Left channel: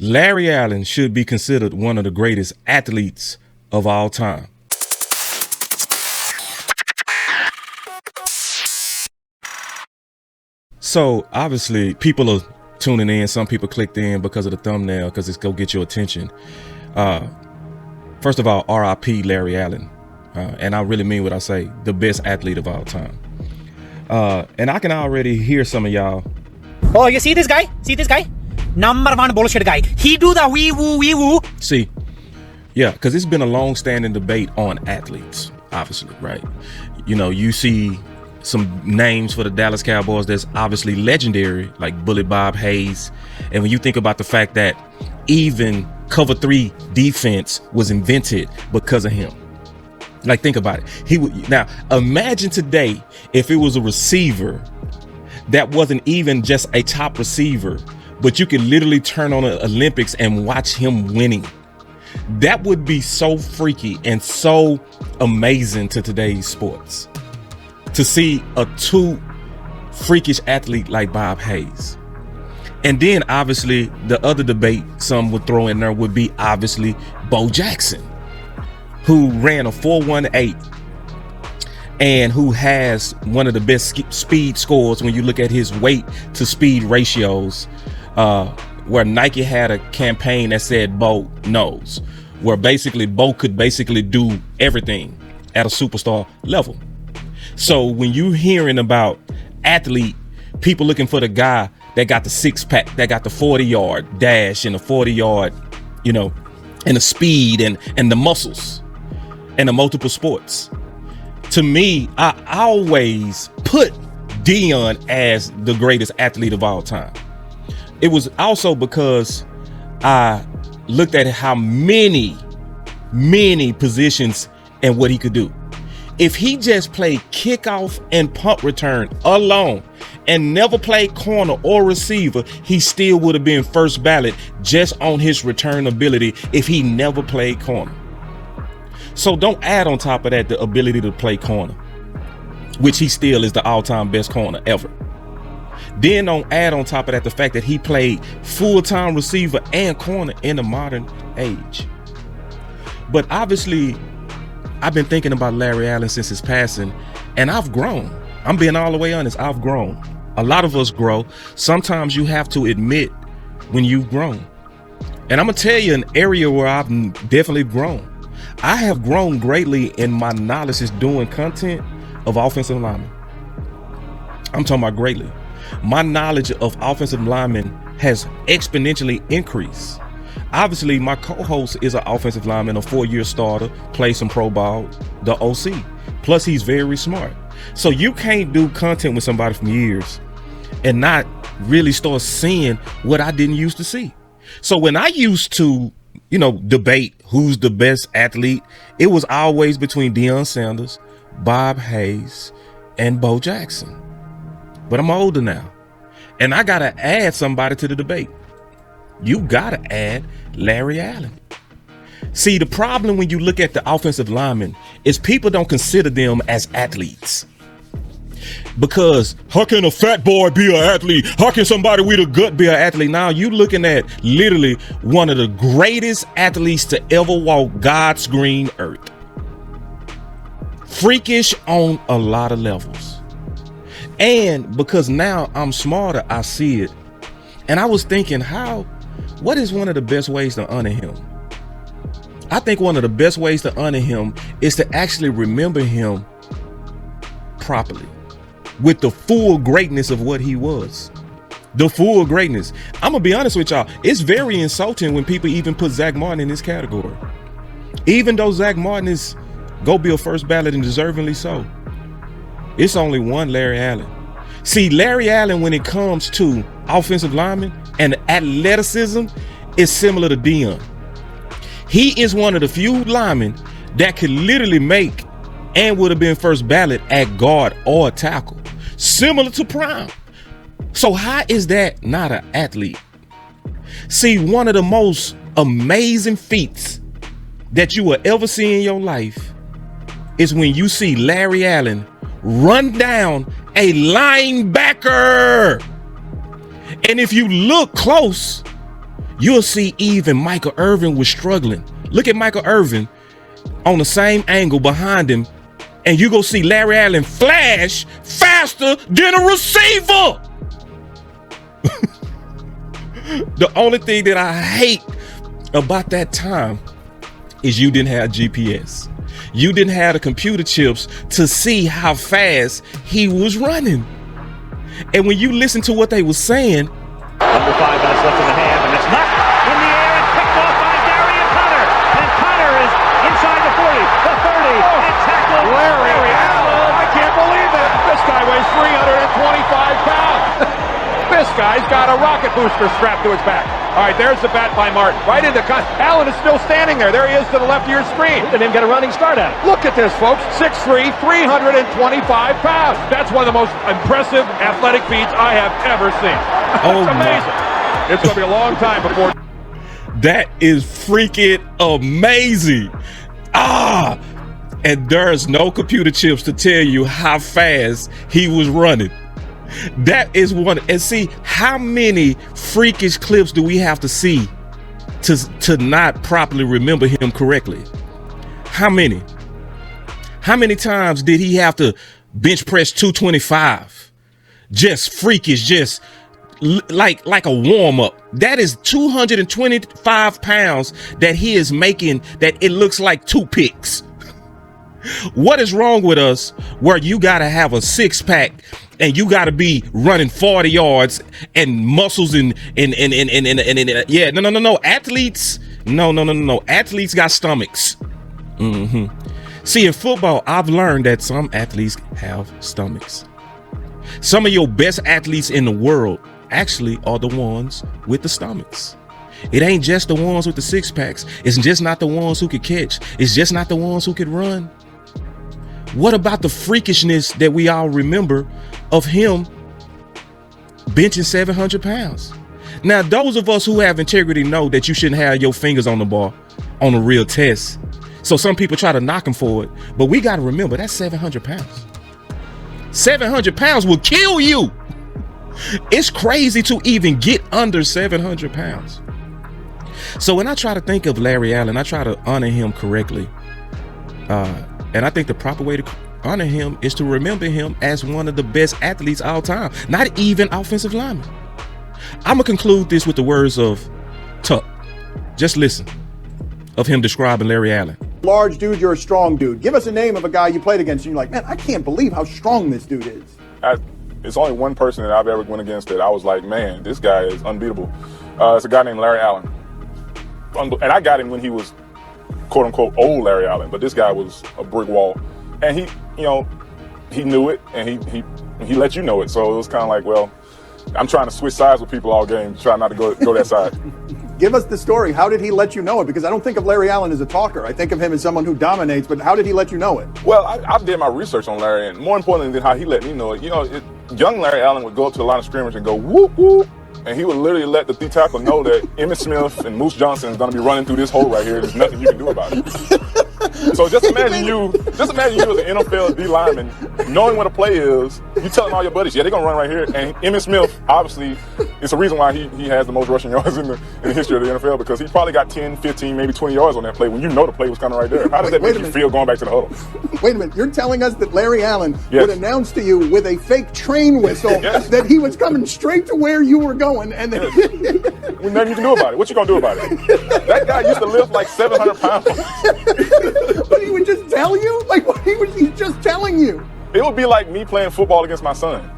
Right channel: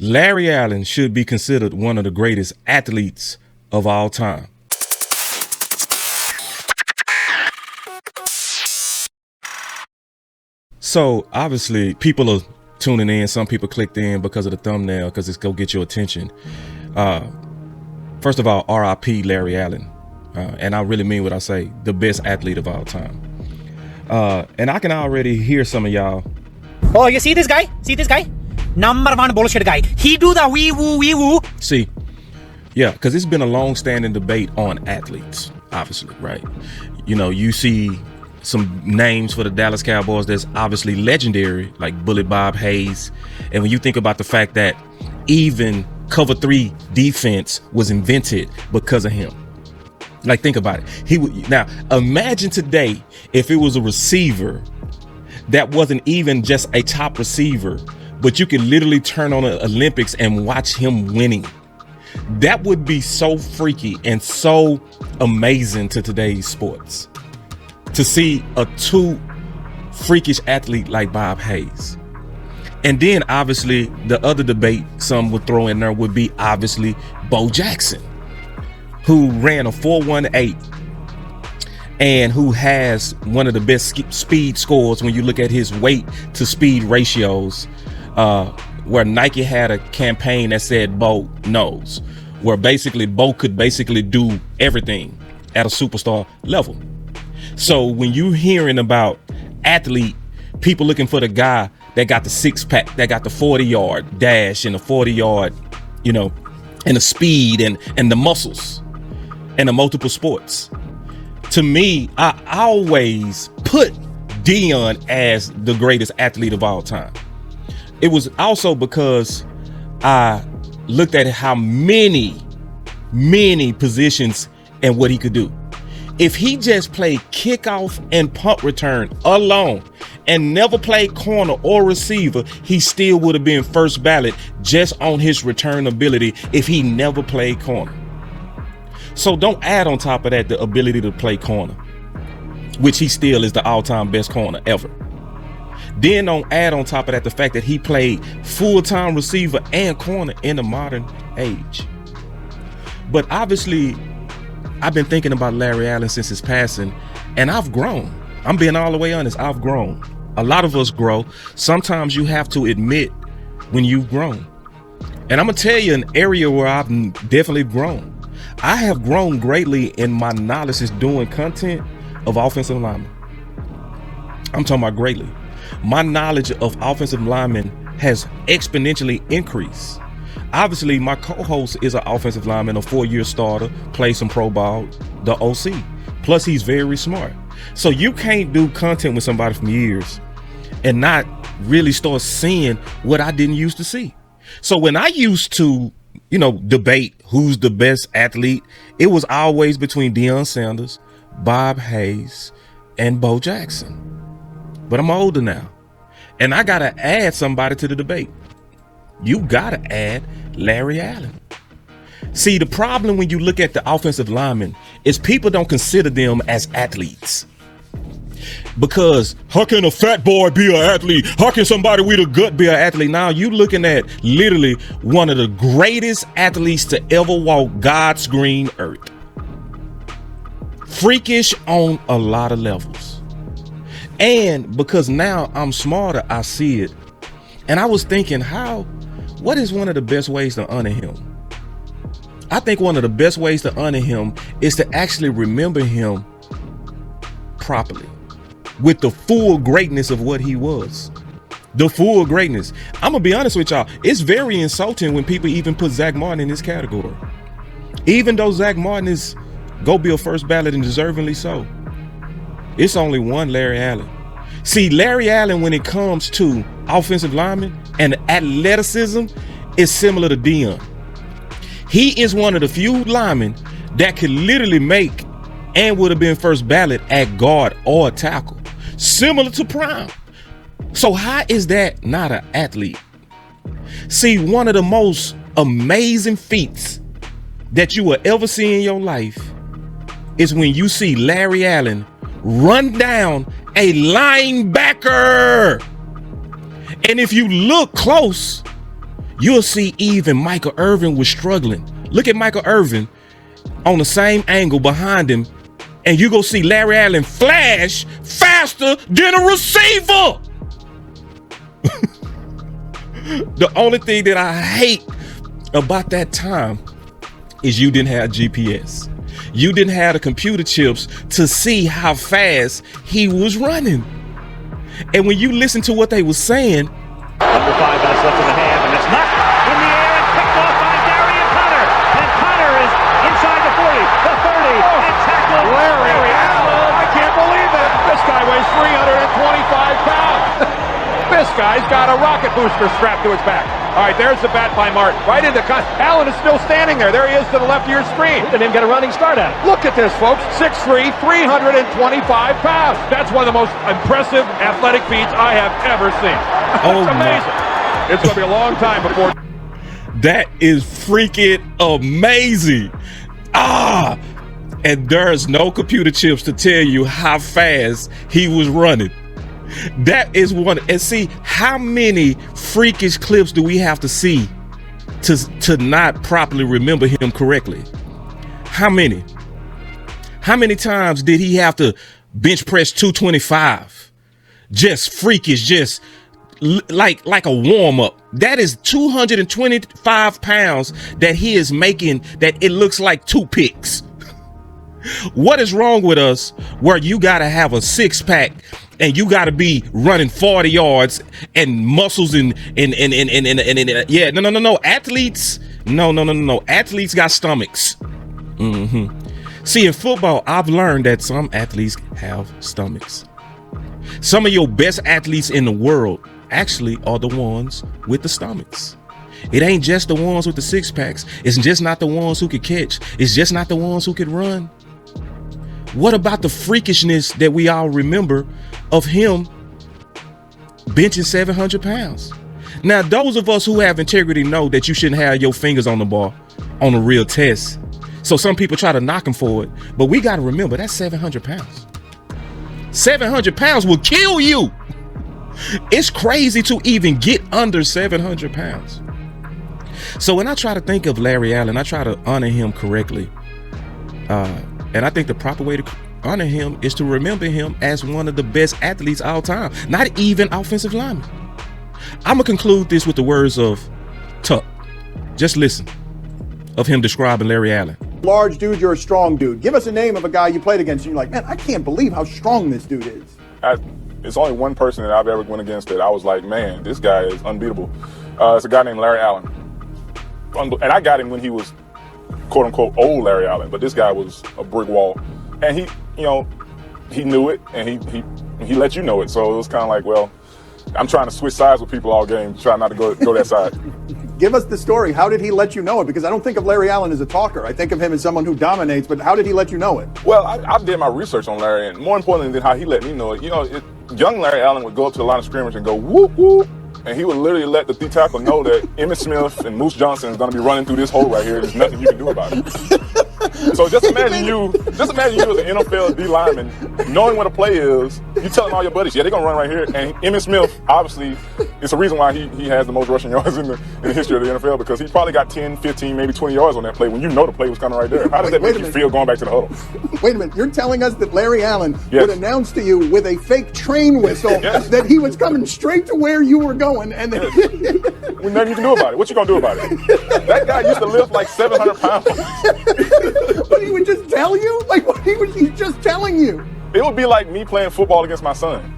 Larry Allen should be considered one of the greatest athletes of all time. So obviously people are tuning in. Some people clicked in because of the thumbnail, because it's go get your attention. First of all, RIP Larry Allen. And I really mean what I say, the best athlete of all time. And I can already hear some of y'all. Oh, you see this guy? See this guy? Number one bullshit guy. He do the wee woo. See, yeah, because it's been a long-standing debate on athletes, obviously, right? You know, you see some names for the Dallas Cowboys that's obviously legendary, like Bullet Bob Hayes. And when you think about the fact that even cover 3 defense was invented because of him. Like, think about it. Now, imagine today if it was a receiver that wasn't even just a top receiver, but you could literally turn on the Olympics and watch him winning. That would be so freaky and so amazing to today's sports. To see a 2 freakish athlete like Bob Hayes. And then obviously the other debate some would throw in there would be obviously Bo Jackson, who ran a 4.18 and who has one of the best speed scores when you look at his weight to speed ratios, where Nike had a campaign that said Bo knows, where basically Bo could basically do everything at a superstar level. So when you hearing about athlete, people looking for the guy that got the 6-pack, that got the 40-yard dash and the 40-yard, you know, and the speed and the muscles and the multiple sports. To me, I always put Deion as the greatest athlete of all time. It was also because I looked at how many positions and what he could do. If he just played kickoff and punt return alone and never played corner or receiver, he still would have been first ballot just on his return ability if he never played corner. So don't add on top of that the ability to play corner, which he still is the all-time best corner ever. Then don't add on top of that the fact that he played full-time receiver and corner in the modern age. But obviously, I've been thinking about Larry Allen since his passing, and I've grown. I'm being all the way honest, I've grown. A lot of us grow. Sometimes you have to admit when you've grown. And I'm gonna tell you an area where I've definitely grown. I have grown greatly in my knowledge is doing content of offensive linemen. I'm talking about greatly. My knowledge of offensive linemen has exponentially increased. Obviously, my co-host is an offensive lineman, a 4-year starter, plays some pro ball, the OC. Plus, he's very smart. So you can't do content with somebody from years and not really start seeing what I didn't used to see. So when I used to, you know, debate who's the best athlete, it was always between Deion Sanders, Bob Hayes, and Bo Jackson. But I'm older now, and I gotta add somebody to the debate. You gotta add Larry Allen. See, the problem when you look at the offensive linemen is people don't consider them as athletes. Because how can a fat boy be an athlete? How can somebody with a gut be an athlete? Now you looking at literally one of the greatest athletes to ever walk God's green earth. Freakish on a lot of levels. And because now I'm smarter, I see it. And I was thinking, what is one of the best ways to honor him? I think one of the best ways to honor him is to actually remember him properly, with the full greatness of what he was. The full greatness. I'm gonna be honest with y'all, it's very insulting when people even put Zach Martin in this category. Even though Zach Martin is go be a first ballot and deservingly so. It's only one Larry Allen. See, Larry Allen, when it comes to offensive linemen and athleticism, is similar to Deion. He is one of the few linemen that could literally make and would have been first ballot at guard or tackle, similar to Prime. So how is that not an athlete? See, one of the most amazing feats that you will ever see in your life is when you see Larry Allen run down a linebacker. And if you look close, you'll see even Michael Irvin was struggling. Look at Michael Irvin on the same angle behind him, and you go see Larry Allen flash faster than a receiver. The only thing that I hate about that time is you didn't have GPS. You didn't have the computer chips to see how fast he was running. And when you listen to what they were saying, under 5 minutes left in the half, and it's not in the air and picked off by Darian Hunter. And Hunter is inside the 40, the 30, and tackled Larry Allen. I can't believe it. This guy weighs 325 pounds. This guy's got a rocket booster strapped to his back. All right, there's the bat by Martin. Right into Allen is still standing there. There he is to the left of your screen. Didn't even get a running start at it. Look at this, folks. 6'3", 325 pounds. That's one of the most impressive athletic feats I have ever seen. Oh, it's amazing. It's going to be a long time before. that is freaking amazing. And there's no computer chips to tell you how fast he was running. That is one. And see, how many freakish clips do we have to see to not properly remember him correctly? How many? How many times did he have to bench press 225? Just freakish, just like a warm up. That is 225 pounds that he is making that it looks like toothpicks. What is wrong with us where you got to have a six pack and you got to be running 40 yards and muscles and yeah, no. Athletes, no. Athletes got stomachs. See, in football, I've learned that some athletes have stomachs. Some of your best athletes in the world actually are the ones with the stomachs. It ain't just the ones with the six packs. It's just not the ones who could catch. It's just not the ones who could run. What about the freakishness that we all remember of him benching 700 pounds? Now, those of us who have integrity know that you shouldn't have your fingers on the bar on a real test. So some people try to knock him for it, but we got to remember that's 700 pounds. 700 pounds will kill you. It's crazy to even get under 700 pounds. So when I try to think of Larry Allen, I try to honor him correctly. And I think the proper way to honor him is to remember him as one of the best athletes all time, not even offensive lineman. I'm going to conclude this with the words of Tuck. Just listen of him describing Larry Allen. Large dude, you're a strong dude. Give us a name of a guy you played against and you're like, man, I can't believe how strong this dude is. It's only one person that I've ever went against that I was like, man, this guy is unbeatable. It's a guy named Larry Allen. And I got him when he was quote unquote old Larry Allen, but this guy was a brick wall. And he knew it and he let you know it. So it was kind of like, well, I'm trying to switch sides with people all game, try not to go that side. Give us the story. How did he let you know it? Because I don't think of Larry Allen as a talker. I think of him as someone who dominates, but how did he let you know it? Well, I did my research on Larry, and more importantly than how he let me know it, young Larry Allen would go up to the line of scrimmage and go, whoop, whoop, and he would literally let the D tackle know that Emmitt Smith and Moose Johnson is going to be running through this hole right here. There's nothing you can do about it. So just imagine you as an NFL D lineman, knowing what a play is, you telling all your buddies, yeah, they're going to run right here. And Emmitt Smith, obviously, it's a reason why he has the most rushing yards in the history of the NFL, because he probably got 10, 15, maybe 20 yards on that play when you know the play was coming right there. How does that make you feel going back to the huddle? Wait a minute. You're telling us that Larry Allen would announce to you with a fake train whistle that he was coming straight to where you were going, and then There's nothing you can do about it. What you going to do about it? That guy used to lift like 700 pounds. But he would just tell you? Like, he's just telling you. It would be like me playing football against my son.